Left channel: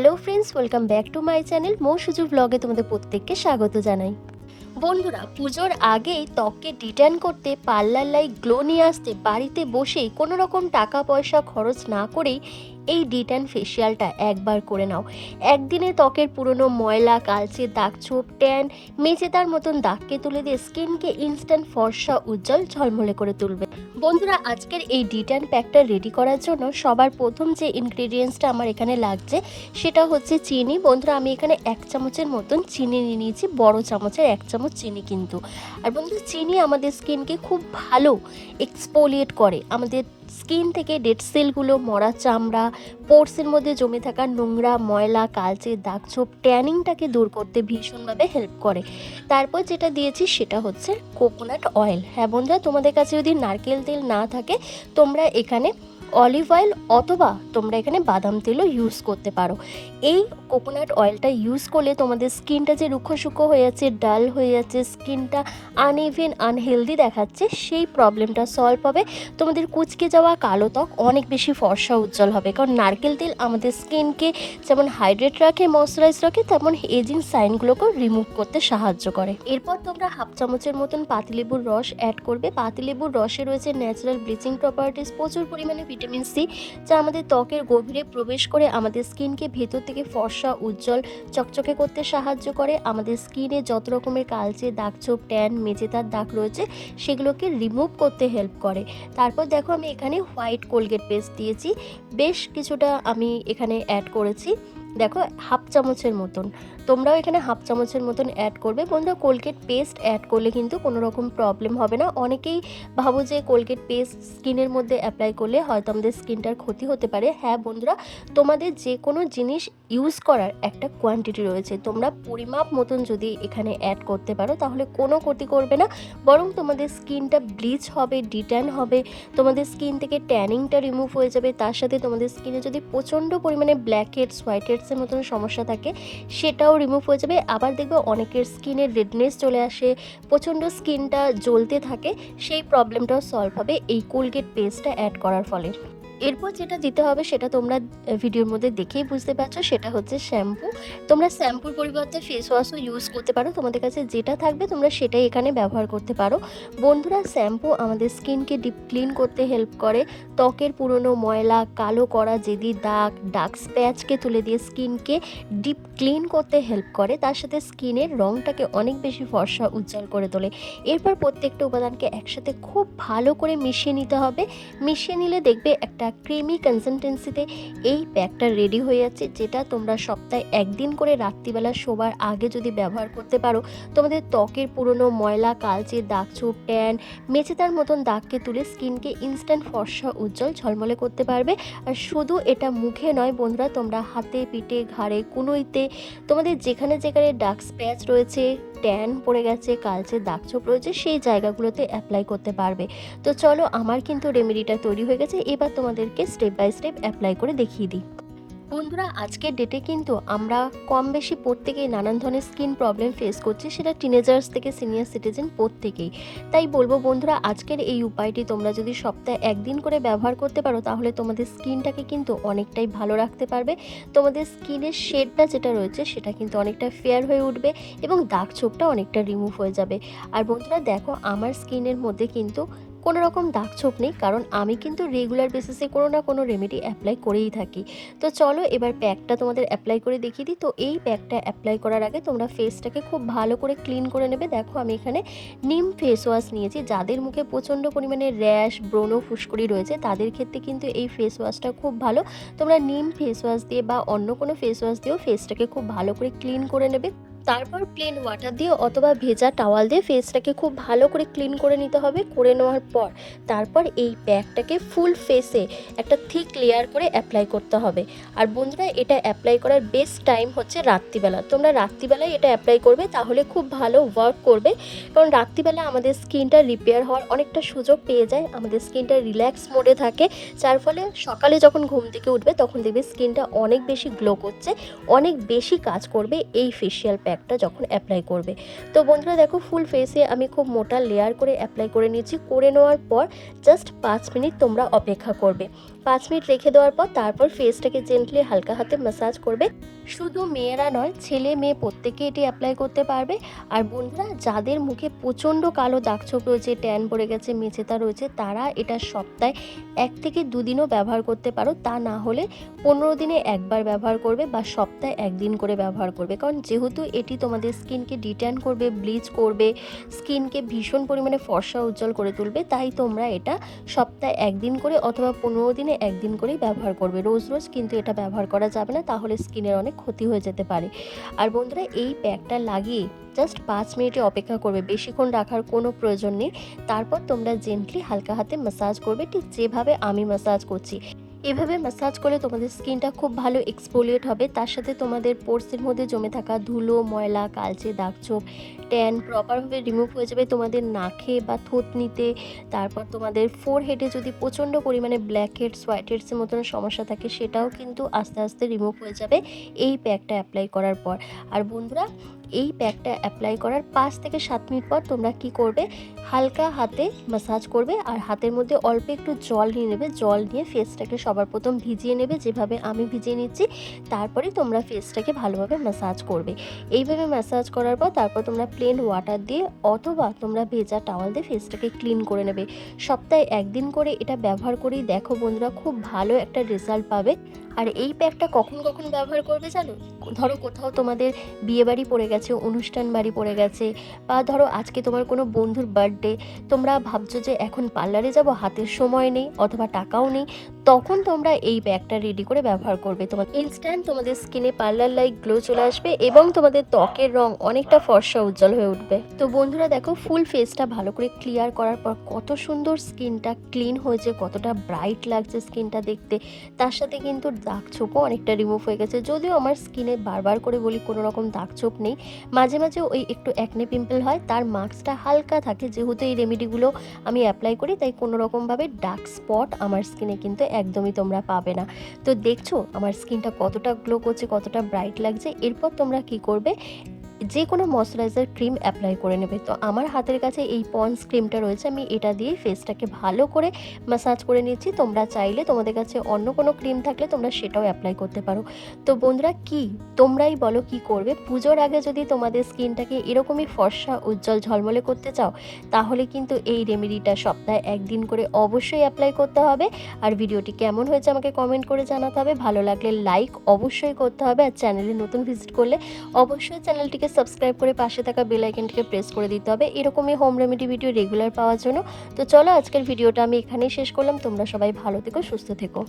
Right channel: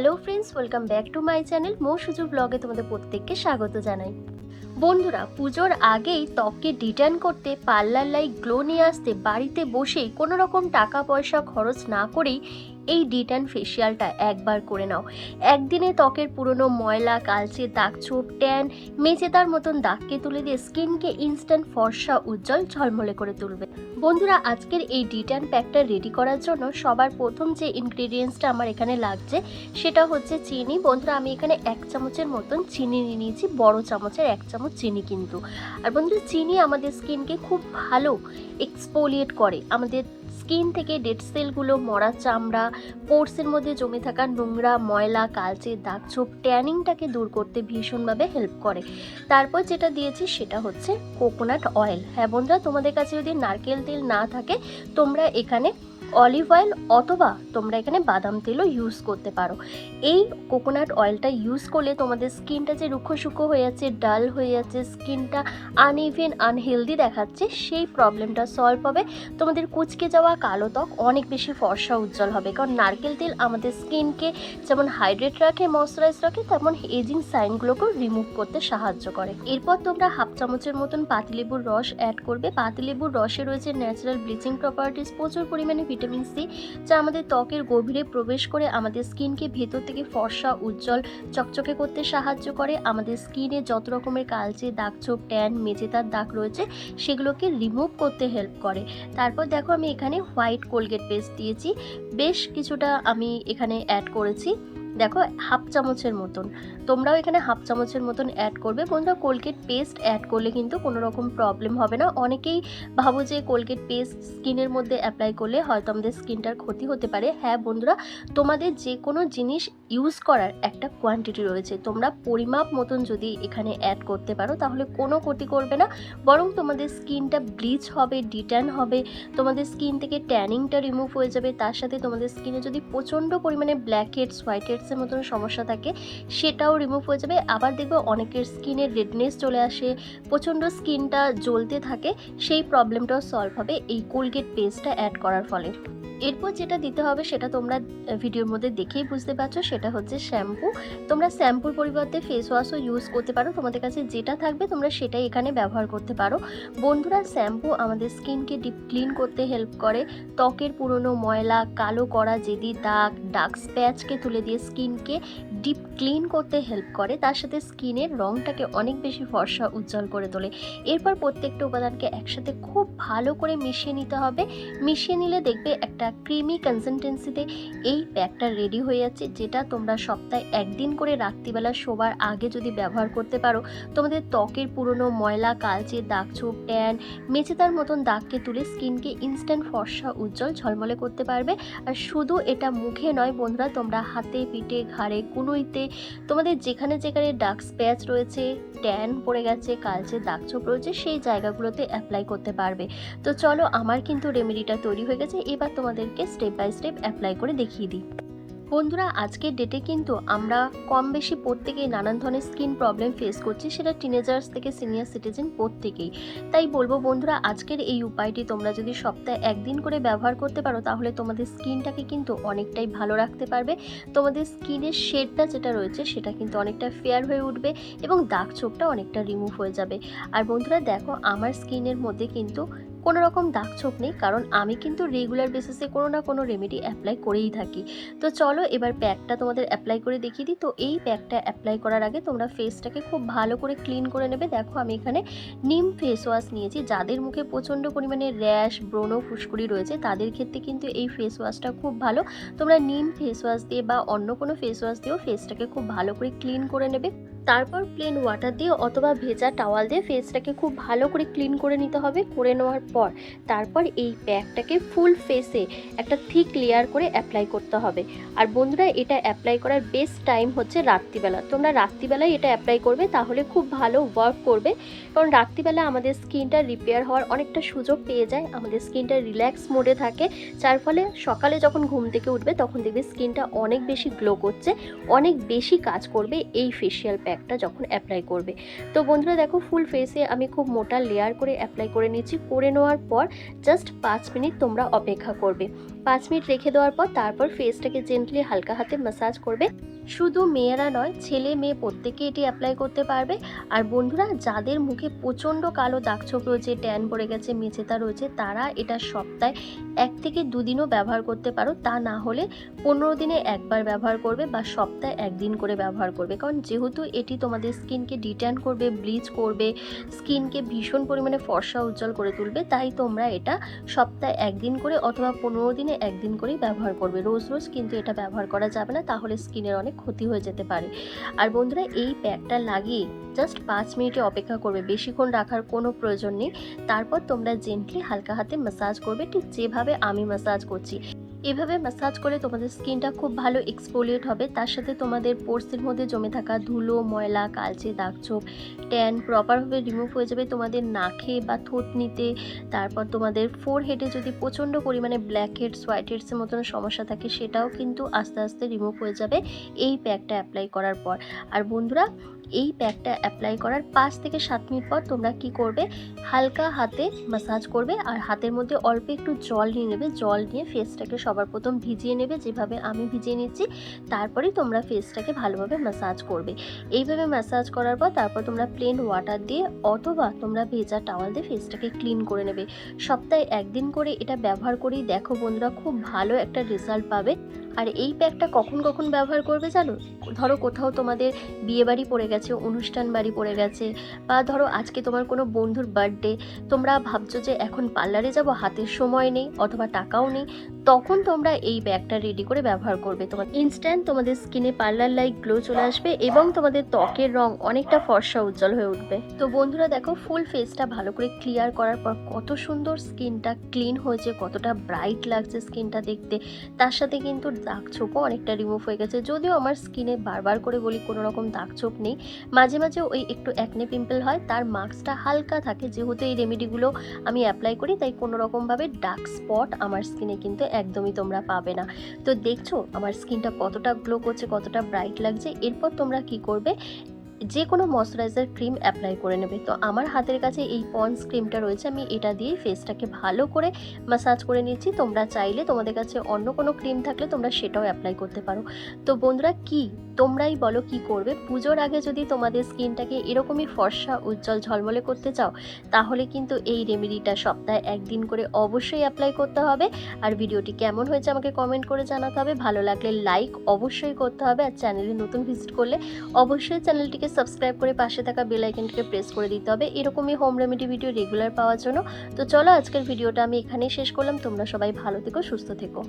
Hello friends, welcome back to my channel Mou Suju ব্লগে তোমাদের প্রত্যেককে স্বাগত জানাই। বন্ধুরা, পুজোর আগেই ত্বককে ডিটার্ন করতে পার্লার লাইক গ্লো নিয়ে আসতে, বাড়িতে বসেই কোনো রকম টাকা পয়সা খরচ না করেই এই ডিটার্ন ফেসিয়ালটা একবার করে নাও। একদিনে ত্বকের পুরনো ময়লা, কালচে দাগ ছোপ ট্যান, মেচেদার মতন দাগকে তুলে দিয়ে স্কিনকে ইনস্ট্যান্ট ফর্সা, উজ্জ্বল ঝলমলে করে তুলবে। বন্ধুরা, আজকের এই ডিটার্ন প্যাকটা রেডি করার জন্য সবার প্রথম যে ইনগ্রেডিয়েন্টসটা আমার এখানে লাগছে, সেটা হচ্ছে চিনি। বন্ধুরা, আমি এখানে এক চামচের মতন চিনি নিয়ে নিয়েছি, বড় চামচের এক চামচ চিনি কিন্তু। আর বন্ধুরা, চিনি আমাদের স্কিনকে খুব ভালো এক্সপোলিয়েট করে। আমাদের স্কিন থেকে ডেড সেলগুলো মরা চামড়া পোর্সের মধ্যে জমে থাকা নোংরা, ময়লা, কালচে দাগ ছোপ ট্যানিংটাকে দূর করতে ভীষণভাবে হেল্প করে। তারপর যেটা দিয়েছি সেটা হচ্ছে কোকোনাট অয়েল। হ্যাঁ বন্ধুরা, তোমাদের কাছে যদি নারকেল তেল না থাকে, তোমরা এখানে অলিভ অয়েল অথবা তোমরা এখানে বাদাম তেলও ইউজ করতে পারো। এই কোকোনাট অয়েলটা ইউজ করলে তোমাদের স্কিনটা যে রুক্ষ সূক্ষ্ম হয়ে যাচ্ছে ডাল হয়ে যাচ্ছে স্কিনটা আনইভেন আনহেলদি দেখাচ্ছে, সেই প্রবলেমটা সলভ হবে। তোমাদের কুচকে যাওয়া কালো ত্বক অনেক বেশি ফর্সা উজ্জ্বল হবে। কারণ নারকেল তেল আমাদের স্কিনকে যেমন হাইড্রেট রাখে ময়শ্চারাইজ রাখে, তেমন এজিং সাইনগুলোকেও রিমুভ করতে সাহায্য করে। এরপর তোমরা হাফ চামচের মতন পাতিলেবুর রস অ্যাড করবে। পাতিলেবুর রসে রয়েছে ন্যাচারাল ব্লিচিং প্রপার্টিস প্রচুর পরিমাণে ভিটামিন সি, যা আমাদের ত্বকের গভীরে প্রবেশ করে আমাদের স্কিনকে ভেতর থেকে ফর্সা, উজ্জ্বল, চকচকে করতে সাহায্য করে। আমাদের স্কিনে যত রকমের কালচে দাগ ছোপ, ট্যান মেজেতার দাগ রয়েছে, সেগুলোকে রিমুভ করতে হেল্প করে। তারপর দেখো আমি এখানে হোয়াইট কোলগেট পেস্ট দিয়েছি। বেশ কিছুটা আমি এখানে অ্যাড করেছি। দেখো হাফ চামচের মতন। তোমরাও এখানে হাফ চামচের মতন অ্যাড করবে। বন্ধুরা কোলগেট পেস্ট অ্যাড করলে কিন্তু কোনো রকম প্রবলেম হবে না। অনেকেই ভাবো যে কোলগেট পেস্ট স্কিনের মধ্যে অ্যাপ্লাই করলে হয়তো আমাদের স্কিনটার ক্ষতি হতে পারে। হ্যাঁ বন্ধুরা, তোমাদের যে কোনো জিনিস ইউজ করার একটা কোয়ান্টিটি রয়েছে। তোমরা পরিমাপ মতন যদি এখানে অ্যাড করতে পারো, তাহলে কোনো ক্ষতি করবে না। বরং তোমাদের স্কিনটা ব্লিচ হবে ডিট্যান হবে, তোমাদের স্কিন থেকে ট্যানিংটা রিমুভ হয়ে যাবে। তার সাথে তোমাদের স্কিনে যদি প্রচণ্ড পরিমাণে ব্ল্যাক হেডস হোয়াইট হেডসের মতন সমস্যা থাকে, সেটাও রিমুভ হয়ে যাবে। আবার দেখবে অনেকের স্কিনে রেডনেস চলে আসে, প্রচণ্ড স্কিনটা জ্বলতে থাকে, সেই প্রবলেমটাও সলভ হবে এই কোলগেট পেস্টটা অ্যাড করার ফলে। এরপর যেটা দিতে হবে সেটা তোমরা ভিডিওর মধ্যে দেখেই বুঝতে পারছ, সেটা হচ্ছে শ্যাম্পু তোমরা শ্যাম্পুর পরিবর্তে ফেস ওয়াশও ইউজ করতে পারো। তোমাদের কাছে যেটা থাকবে তোমরা সেটাই এখানে ব্যবহার করতে পারো। বন্ধুরা শ্যাম্পু আমাদের স্কিনকে ডিপ ক্লিন করতে হেল্প করে। ত্বকের পুরনো ময়লা, কালো করা জেদি দাগ ডার্ক স্প্যাচকে তুলে দিয়ে স্কিনকে ডিপ ক্লিন করতে হেল্প করে। তার সাথে স্কিনের রঙটাকে অনেক বেশি ফর্সা, উজ্জ্বল করে তোলে। এরপর প্রত্যেকটা উপাদানকে একসাথে খুব ভালো করে মিশিয়ে নিতে হবে। মিশিয়ে নিলে দেখবে একটা ক্রিমি কনসিস্টেন্সিতে এই প্যাকটা রেডি হয়ে যাচ্ছে যেটা তোমরা সপ্তাহে একদিন করে রাত্রিবেলা শোবার আগে যদি ব্যবহার করতে পারো, তোমাদের ত্বকের পুরনো ময়লা, কালচে দাগ ছোপ ট্যান মেচেদার মতন দাগকে তুলে স্কিনকে ইনস্ট্যান্ট ফর্সা, উজ্জ্বল ঝলমলে করতে পারবে। আর শুধু এটা মুখে নয় বন্ধুরা, তোমরা হাতে, পিঠে, ঘাড়ে, কুনোইতে, তোমাদের যেখানে যেখানে ডার্ক স্প্যাচ রয়েছে ট্যান পড়ে গেছে, কালচে দাগ ছোপ রয়েছে, সেই জায়গাগুলোতে অ্যাপ্লাই করতে পারবে। তো চলো, আমার কিন্তু রেমেডিটা তৈরি হয়ে গেছে। এবার তোমাদেরকে স্টেপ বাই স্টেপ অ্যাপ্লাই করে দেখিয়ে দিই। বন্ধুরা, আজকের ডেটে কিন্তু আমরা কম বেশি প্রত্যেকেই নানান ধরনের স্কিন প্রবলেম ফেস করছি, সেটা টিনেজার্স থেকে সিনিয়র সিটিজেন প্রত্যেকেই। তাই বলব বন্ধুরা, আজকের এই উপায়টি তোমরা যদি সপ্তাহে একদিন করে ব্যবহার করতে পারো, তাহলে তোমাদের স্কিনটাকে কিন্তু অনেকটাই ভালো রাখতে পারবে। তোমাদের স্কিনের শেডটা যেটা রয়েছে, সেটা কিন্তু অনেকটা ফেয়ার হয়ে উঠবে এবং দাগ ছোপটা অনেকটা রিমুভ হয়ে যাবে। আর বন্ধুরা, দেখো, আমার স্কিনের মধ্যে কিন্তু কোনো রকম দাগ ছোপ নেই, কারণ আমি কিন্তু রেগুলার বেসিসে কোনো না কোনো রেমেডি অ্যাপ্লাই করেই থাকি। তো চলো এবার প্যাকটা তোমাদের অ্যাপ্লাই করে দেখিয়ে দিই। তো এই প্যাকটা অ্যাপ্লাই করার আগে তোমরা ফেসটাকে খুব ভালো করে ক্লিন করে নেবে। দেখো আমি এখানে নিম ফেস ওয়াশ নিয়েছি। যাদের মুখে প্রচণ্ড পরিমাণে র্যাশ ব্রণ ফুসকুড়ি রয়েছে, তাদের ক্ষেত্রে কিন্তু এই ফেস ওয়াশটা খুব ভালো। তোমরা নিম ফেস ওয়াশ দিয়ে বা অন্য কোনো ফেস ওয়াশ দিয়েও ফেসটাকে খুব ভালো করে ক্লিন করে নেবে। তারপর প্লেন ওয়াটার দিয়ে অথবা ভেজা টাওয়াল দিয়ে ফেসটাকে খুব ভালো করে ক্লিন করে নিতে হবে, করে নেওয়ার পর তারপর এই প্যাকটাকে ফুল ফেসে একটা থিক লেয়ার করে অ্যাপ্লাই করতে হবে। আর বন্ধুরা, এটা অ্যাপ্লাই করার বেস্ট টাইম হচ্ছে রাত্রিবেলা। তোমরা রাত্রিবেলায় এটা অ্যাপ্লাই করবে, তাহলে খুব ভালো ওয়ার্ক করবে। কারণ রাত্রিবেলা আমাদের স্কিনটা রিপেয়ার হওয়ার অনেকটা সুযোগ পেয়ে যায়, আমাদের স্কিনটা রিল্যাক্স মোডে থাকে। যার ফলে সকালে যখন ঘুম থেকে উঠবে, তখন দেখবে স্কিনটা অনেক বেশি গ্লো করছে, অনেক বেশি কাজ করবে এই ফেসিয়াল প্যাক প্যাকটা যখন অ্যাপ্লাই করবে। তো বন্ধুরা দেখো ফুল ফেসে আমি খুব মোটা লেয়ার করে অ্যাপ্লাই করে নিয়েছি। করে নেওয়ার পর জাস্ট পাঁচ মিনিট তোমরা অপেক্ষা করবে। পাঁচ মিনিট রেখে দেওয়ার পর তারপর ফেসটাকে জেন্টলি হালকা হাতে ম্যাসাজ করবে। শুধু মেয়েরা নয়, ছেলে মেয়ে প্রত্যেকে এটি অ্যাপ্লাই করতে পারবে। আর বন্ধুরা যাদের মুখে প্রচণ্ড কালো দাগছোপ রয়েছে ট্যান পড়ে গেছে, মেচেতা রয়েছে, তারা এটা সপ্তাহে এক থেকে দুদিনও ব্যবহার করতে পারো। তা না হলে পনেরো দিনে একবার ব্যবহার করবে বা সপ্তাহে একদিন করে ব্যবহার করবে। কারণ যেহেতু এটি তোমাদের স্কিনকে ডিট্যান করবে ব্লিচ করবে, স্কিনকে ভীষণ পরিমাণে ফর্সা উজ্জ্বল করে তুলবে, তাই তোমরা এটা সপ্তাহে একদিন করে অথবা পনেরো দিনে একদিন করেই ব্যবহার করবে। রোজ রোজ কিন্তু এটা ব্যবহার করা যাবে না, তাহলে স্কিনের অনেক ক্ষতি হয়ে যেতে পারে। আর বন্ধুরা, এই প্যাকটা লাগিয়ে জাস্ট পাঁচ মিনিটে অপেক্ষা করবে, বেশিক্ষণ রাখার কোনো প্রয়োজন নেই। তারপর তোমরা জেন্টলি হালকা হাতে ম্যাসাজ করবে, ঠিক যেভাবে আমি ম্যাসাজ করছি। এভাবে ম্যাসাজ করলে তোমাদের স্কিনটা খুব ভালো এক্সপোলিয়েট হবে। তার সাথে তোমাদের পোর্সের মধ্যে জমে থাকা ধুলো, ময়লা, কালচে দাগছোপ ট্যান প্রপারভাবে রিমুভ হয়ে যাবে তোমাদের নাকে বা থুতনিতে। তারপর তোমাদের ফোর হেডে যদি প্রচণ্ড পরিমাণে ব্ল্যাক হেডস হোয়াইট হেডসের মতন সমস্যা থাকে, সেটাও কিন্তু আস্তে আস্তে রিমুভ হয়ে যাবে এই প্যাকটা অ্যাপ্লাই করার পর। আর বন্ধুরা, এই প্যাকটা অ্যাপ্লাই করার পাঁচ থেকে সাত মিনিট পর তোমরা কি করবে? হালকা হাতে ম্যাসাজ করবে আর হাতের মধ্যে অল্প একটু জল নিয়ে নেবে। জল নিয়ে ফেসটাকে সবার প্রথম ভিজিয়ে নেবে, যেভাবে আমি ভিজিয়ে নিচ্ছি তারপরে তোমরা ফেসটাকে ভালোভাবে ম্যাসাজ করবে। এইভাবে ম্যাসাজ করার পর তারপর তোমরা প্লেন ওয়াটার দিয়ে অথবা তোমরা ভেজা টাওয়াল দিয়ে ফেসটাকে ক্লিন করে নেবে। সপ্তাহে একদিন করে এটা ব্যবহার করেই দেখো বন্ধুরা, খুব ভালো একটা রেজাল্ট পাবে। আর এই প্যাকটা কখন কখন ব্যবহার করবে জানো? ধরো কোথাও তোমাদের বিয়ে বাড়ি পড়ে গেছে, অনুষ্ঠান বাড়ি পড়ে গেছে, বা ধরো আজকে তোমার কোনো বন্ধুর বার্থডে তোমরা ভাবছ যে এখন পার্লারে যাব, হাতের সময় নেই অথবা টাকাও নেই, তখন তোমরা এই ব্যাগটা রেডি করে ব্যবহার করবে। তোমার ইনস্ট্যান্ট তোমাদের স্কিনে পার্লার লাইক গ্লো চলে আসবে এবং তোমাদের ত্বকের রং অনেকটা ফর্সা উজ্জ্বল হয়ে উঠবে। তো বন্ধুরা দেখো ফুল ফেসটা ভালো করে ক্লিয়ার করার পর কত সুন্দর স্কিনটা ক্লিন হয়েছে, কতটা ব্রাইট লাগছে স্কিনটা দেখতে। তার সাথে কিন্তু দাগ ছোপও অনেকটা রিমুভ হয়ে গেছে। যদিও আমার স্কিনে বারবার করে বলি কোনো রকম দাগ ছোপ নেই, মাঝে মাঝে ওই একটু অ্যাকনে পিম্পল হয়, তার মাস্কটা হালকা থাকে। যেহেতু এই রেমেডিগুলো আমি অ্যাপ্লাই করি, তাই কোনো রকমভাবে ডার্ক স্পট আমার স্কিনে কিন্তু একদমই তোমরা পাবে না। তো দেখছ, আমার স্কিনটা কতটা গ্লো করছে, কতটা ব্রাইট লাগছে। এরপর তোমরা কি করবে যে কোনো ময়শ্চারাইজার ক্রিম অ্যাপ্লাই করে নেবে। তো আমার হাতের কাছে এই পন্স ক্রিমটা রয়েছে, আমি এটা দিয়ে ফেসটাকে ভালো করে ম্যাসাজ করে নিচ্ছি। তোমরা চাইলে তোমাদের কাছে অন্য কোনো ক্রিম থাকলে তোমরা সেটাও অ্যাপ্লাই করতে পারো। তো বন্ধুরা, কি? তোমরাই বলো কি করবে? পুজোর আগে যদি তোমাদের স্কিনটাকে এরকমই ফর্সা, উজ্জ্বল ঝলমলে করতে চাও, তাহলে কিন্তু এই রেমেডিটা সপ্তাহে একদিন করে অবশ্যই অ্যাপ্লাই করতে হবে। আর ভিডিওটি কেমন হয়েছে আমাকে কমেন্ট করে জানাতে হবে। ভালো লাগলে লাইক অবশ্যই করতে হবে। আর চ্যানেলে নতুন ভিজিট করলে অবশ্যই চ্যানেলটিকে সাবস্ক্রাইব করে পাশে থাকা বেল আইকনটিকে প্রেস করে দিতে হবে। এরকমই হোম রেমেডি ভিডিও রেগুলার পাওয়ার জন্য। তো চলো আজকের ভিডিওটা আমি এখানেই শেষ করলাম। তোমরা সবাই ভালো থেকো, সুস্থ থেকো।